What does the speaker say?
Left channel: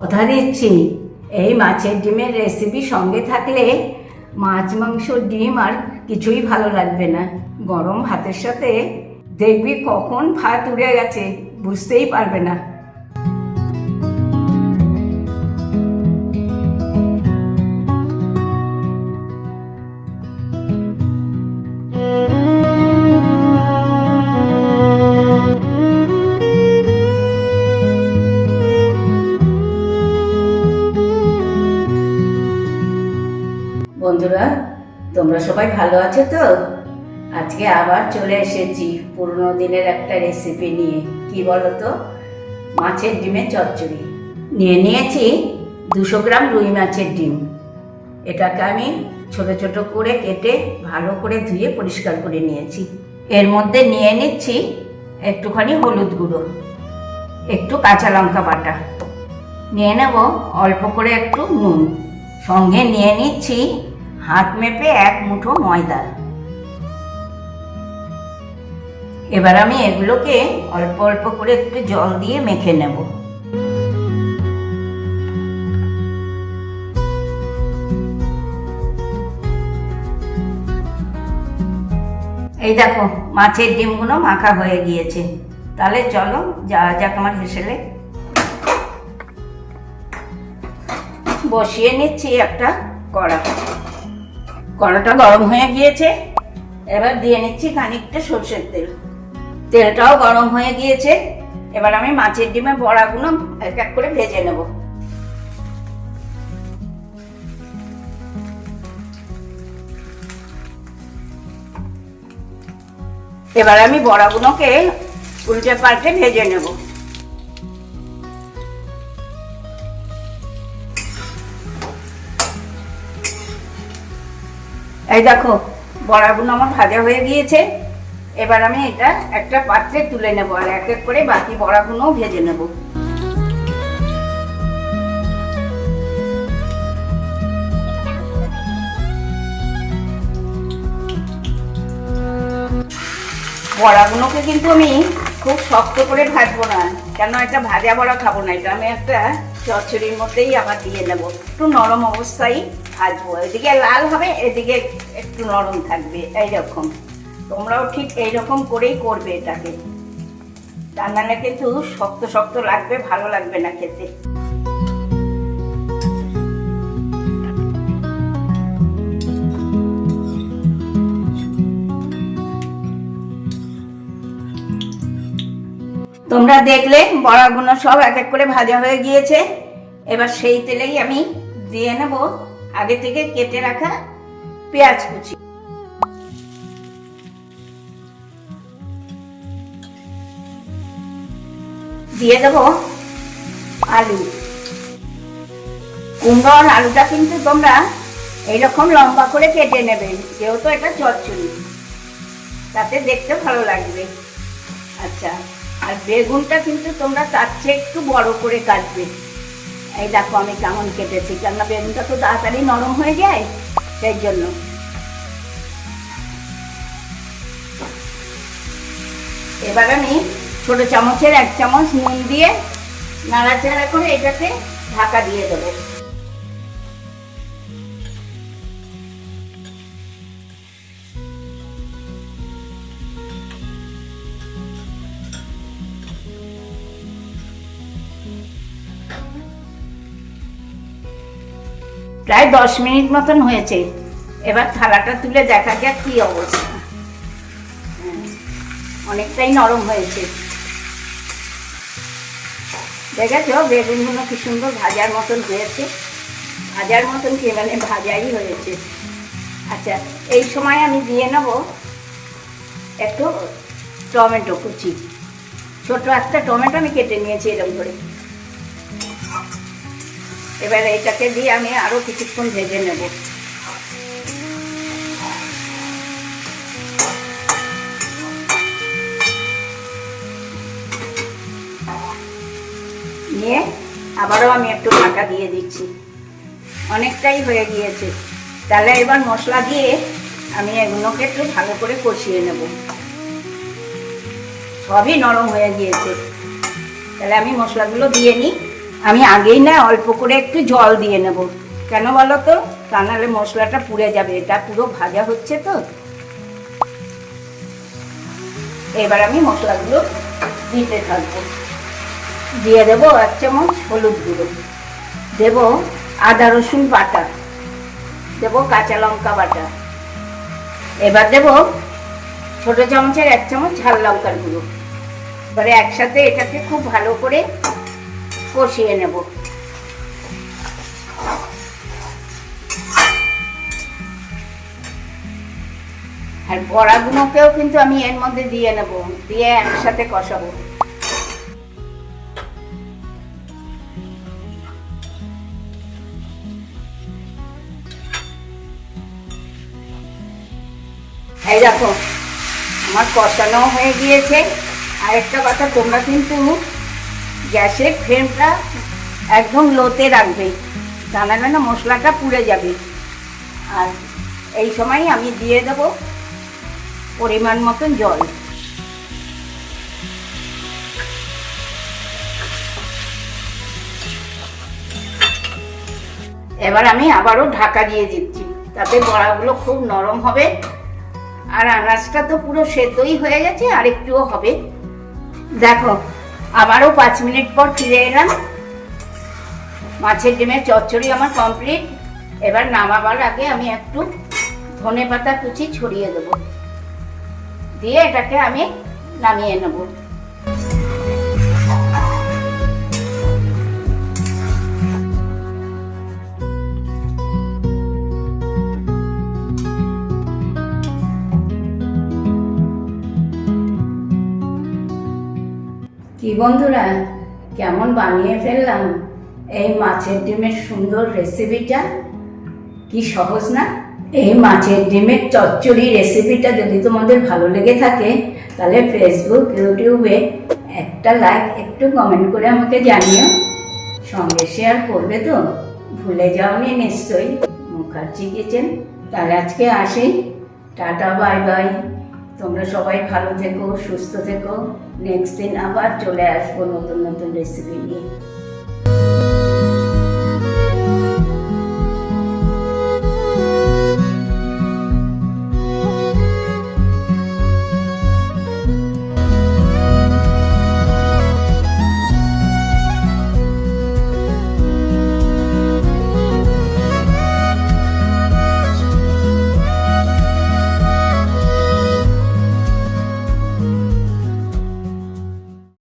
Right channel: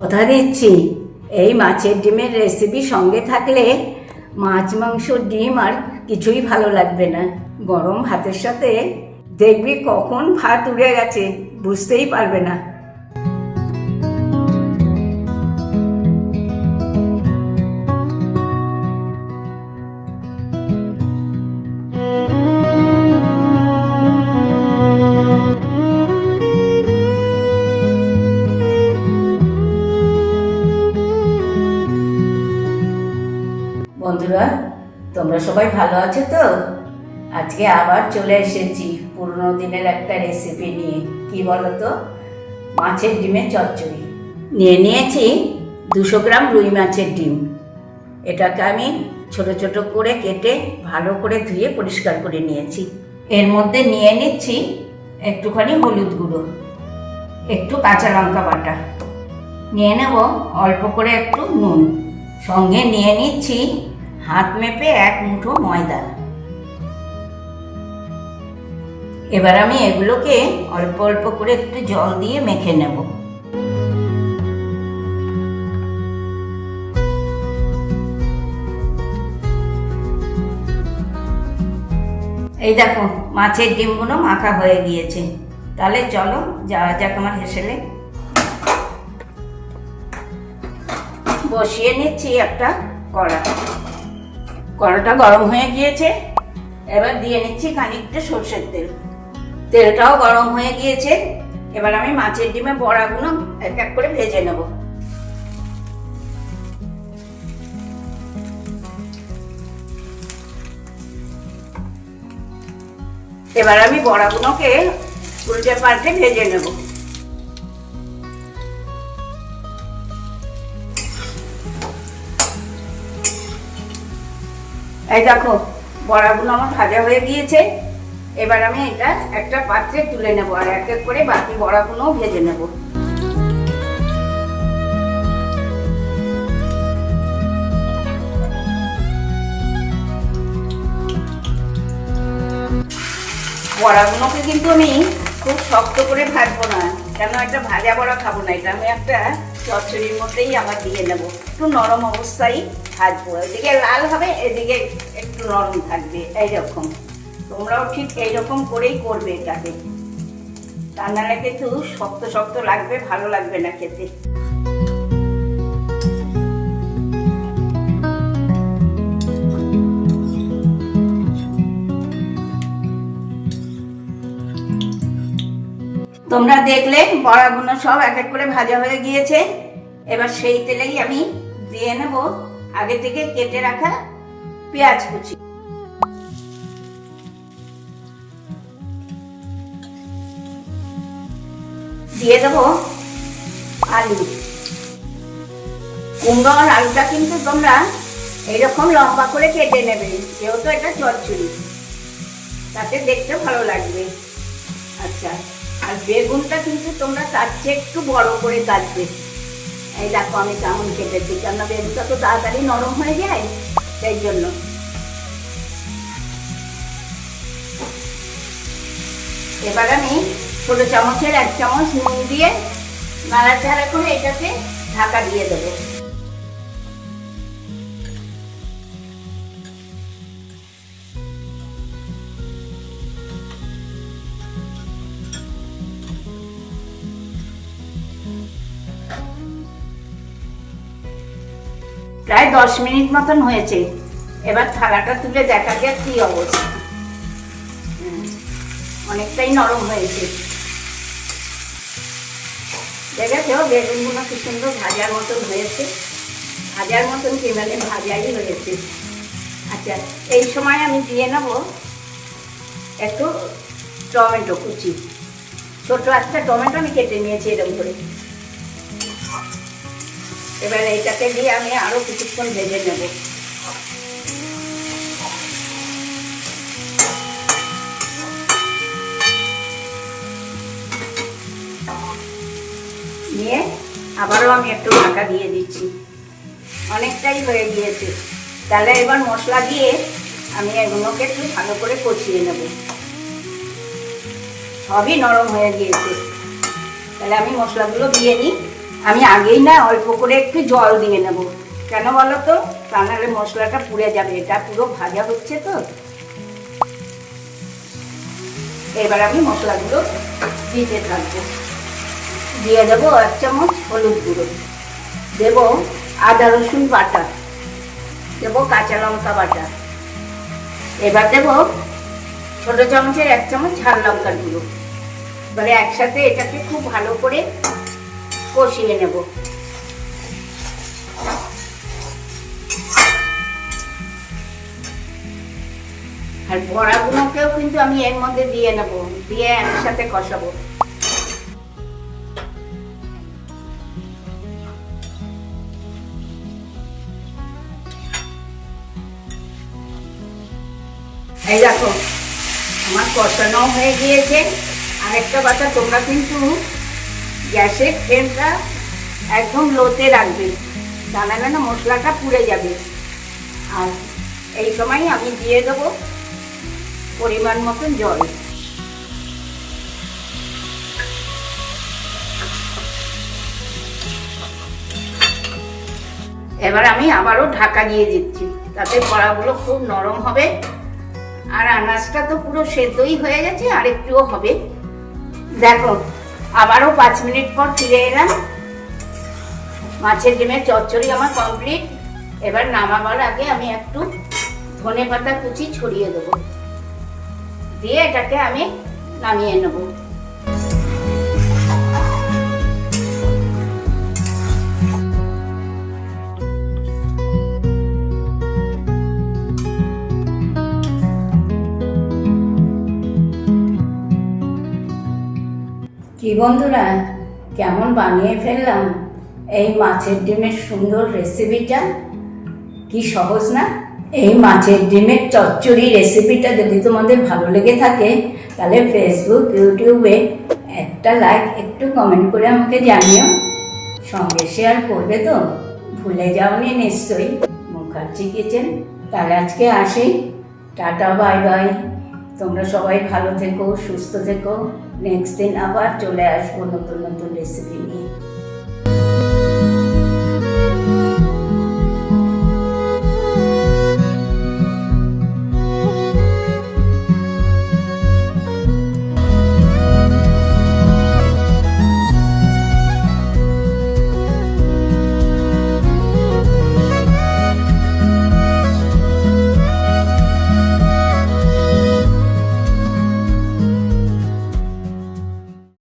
কথা দিচ্ছি, এই মাছের ডিমের রেসিপি সঙ্গে থাকলে মাছ মাংস ডিম আর কিছুই ভালো লাগবে না। গরম ভাতের সাথে দেখবি কখন ভাত উড়ে গেছে বুঝতেই পারবে না। বন্ধুরা, তোমরা সবাই ভালো আছো তো? আজকে আবার চলে এসেছি পুরনো দিনের একটা রেসিপি নিয়ে। কি বলো তো? মাছের ডিমের চচ্চড়ি। নিয়ে নিয়েছি 200 গ্রাম রুই মাছের ডিম। এটাকে আমি ছোট ছোট করে কেটে ভালো করে ধুয়ে পরিষ্কার করে নিয়েছি। এর মধ্যে নিয়ে নিচ্ছি একটুখানি হলুদ গুঁড়ো, একটু কাঁচা লঙ্কা বাটা, নিয়ে নেব অল্প করে একটু নুন, সঙ্গে নিয়ে নিচ্ছি হাত মেপে 1 মুঠো ময়দা। এবার আমি এগুলোকে অল্প অল্প করে একটু জল দিয়ে মেখে নেব। এই দেখো, মাছের ডিমগুলো মাখা হয়ে গিয়েছে। তাহলে চলো যাওয়া যাক আমার হেসেলে। বসিয়ে নিচ্ছি একটা কড়া। কড়াটা গরম হয়ে গিয়েছে। এবার দিয়ে নিচ্ছি খানিকটা সরষের তেল। তেলটাও গরম হয়ে গিয়েছে। এবার আমি মাছের ডিমের বড়াগুলো এক এক করে ভেজে নেব। এবার আমি বড়াগুলোকে উল্টে পাল্টে ভেজে নেব। এই দেখো, বড়াগুলো আমার ভাজা হয়ে গিয়েছে। এবার আমি এটা একটা পাত্রে তুলে নেব আর এক এক করে বাকি বড়াগুলোও ভেজে নেব। বড়াগুলোকে কিন্তু আমি খুব শক্ত করে ভাজবো না, কেন একটা ভাজা বড়া খাবো না। এটা আমি একটা চচ্চড়ির মধ্যেই আবার দিয়ে নেব। একটু নরম অবস্থায় ভাজবো, এদিকে লাল হবে এদিকে একটু নরম থাকবে। এইরকম তোমরাও ঠিক এইরকম করেই করবে এটাকে, তা নাহলে কিন্তু শক্ত শক্ত লাগবে, ভালো লাগবে না খেতে। তোমরা দেখলে বড়াগুলো সব এক এক করে ভাজা হয়ে গিয়েছে। এবার সেই তেলেই আমি দিয়ে নেব আগে থেকে কেটে রাখা পেঁয়াজ কুচি। দিয়ে দেবো আলু। কুমড়ো আর আলুটা কিন্তু তোমরা এইরকম লম্বা করে কেটে নেবে, যেহেতু এটা চচ্চড়ি, তাতে দেখতে ভালো লাগবে। আচ্ছা, আর বেগুনটা কিন্তু তোমরা তার চেয়ে একটু বড় করে কাটবে। এই দেখো আমি কেমন কেটেছি, কেননা বেগুনটা তো তাড়াতাড়ি নরম হয়ে যায়, সেই জন্য। এবার আমি ছোট চামচের 1 চামচ নুন দিয়ে নাড়াচাড়া করে এটাকে ঢাকা দিয়ে দেবো। প্রায় 10 মিনিট মতন হয়েছে। এবার থালাটা তুলে দেখা যাক কি অবস্থা। অনেকটাই নরম হয়েছে। দেখেছো বেগুনগুলো কি সুন্দর ভাজার মতন হয়েছে। ভাজার মতন কি, মানে ভাজাই হয়েছে। আচ্ছা, এই সময় আমি দিয়ে নেব একটু টমেটো কুচি। ছোট একটা টমেটো আমি কেটে নিয়েছি এরকম করে। এবার এইটাকে দিয়ে আমি আরো কিছুক্ষণ ভেজে নেব। নিয়ে আবারও আমি একটু ঢাকা দিয়ে দিচ্ছি। অনেকটাই হয়ে গিয়েছে। তাহলে এবার মশলা দিয়ে আমি এগুলোকে একটু ভালো করে কষিয়ে নেব। সবই নরম হয়ে গিয়েছে, তাহলে আমি মশলাগুলো দিয়ে নিই। আমি আগেই না অল্প করে একটু জল দিয়ে নেব, কেন বলো তো, তা নাহলে মশলাটা পুড়ে যাবে, এটা পুরো ভাজা হচ্ছে তো। এবার আমি মশলাগুলো দিতে থাকবো। দিয়ে দেবো 1 চামচ হলুদ গুঁড়ো, দেবো আদা রসুন বাটা, দেবো কাঁচা লঙ্কা বাটা, এবার দেবো ছোট চামচের 1 চামচ ঝাল লঙ্কার গুঁড়ো। এবারে একসাথে এটাকে খুব ভালো করে কষিয়ে নেব। আর বড়াগুলোকেও কিন্তু আমি এর মধ্যে দিয়ে নেব, দিয়ে একসাথে কষাবো। এই দেখো আমার কষানো হয়ে গিয়েছে। আর একটা কথা, তোমরা কিন্তু গ্যাসের ফ্লেমটা একদম লোতে রাখবে, তা নাহলে না মশলাটা পুড়ে যাবে। আর এই সময় আমি দিয়ে দেবো পরিমাণ মতন জল। এবার আমি আবারও ঢাকা দিয়ে দিচ্ছি, তাতে বড়াগুলো খুব নরম হবে। আর আনাজটা তো পুরো সেদ্ধই হয়ে গেছে, আর একটুও হবে। দেখো আবারও 5 মিনিট পর ফিরে এলাম। মাছের ডিমের চচ্চড়ি আমার কমপ্লিট। এবার নামাবার আগে আমি একটু ধনেপাতা কুচি ছড়িয়ে দেবো, দিয়ে এটাকে আমি নামিয়ে নেব। কি বন্ধুরা, কেমন বানিয়ে ফেললাম এই মাছের ডিমের সুন্দর রেসিপিটা। কি সহজ না? এই মাছের ডিমের চচ্চড়ি রেসিপিটা যদি তোমাদের ভালো লেগে থাকে, তাহলে ফেসবুক ইউটিউবে একটা লাইক, একটু কমেন্ট করে আমাকে জানিও। সঙ্গে শেয়ার করবে তো, ভুলে যাওনি নিশ্চয়ই। মুখার্জি কিচেন। তাহলে আজকে আসি, টাটা বাই বাই। তোমরা সবাই ভালো থেকো, সুস্থ থেকো। নেক্সট দিন আবার চলে আসবো নতুন নতুন রেসিপি নিয়ে।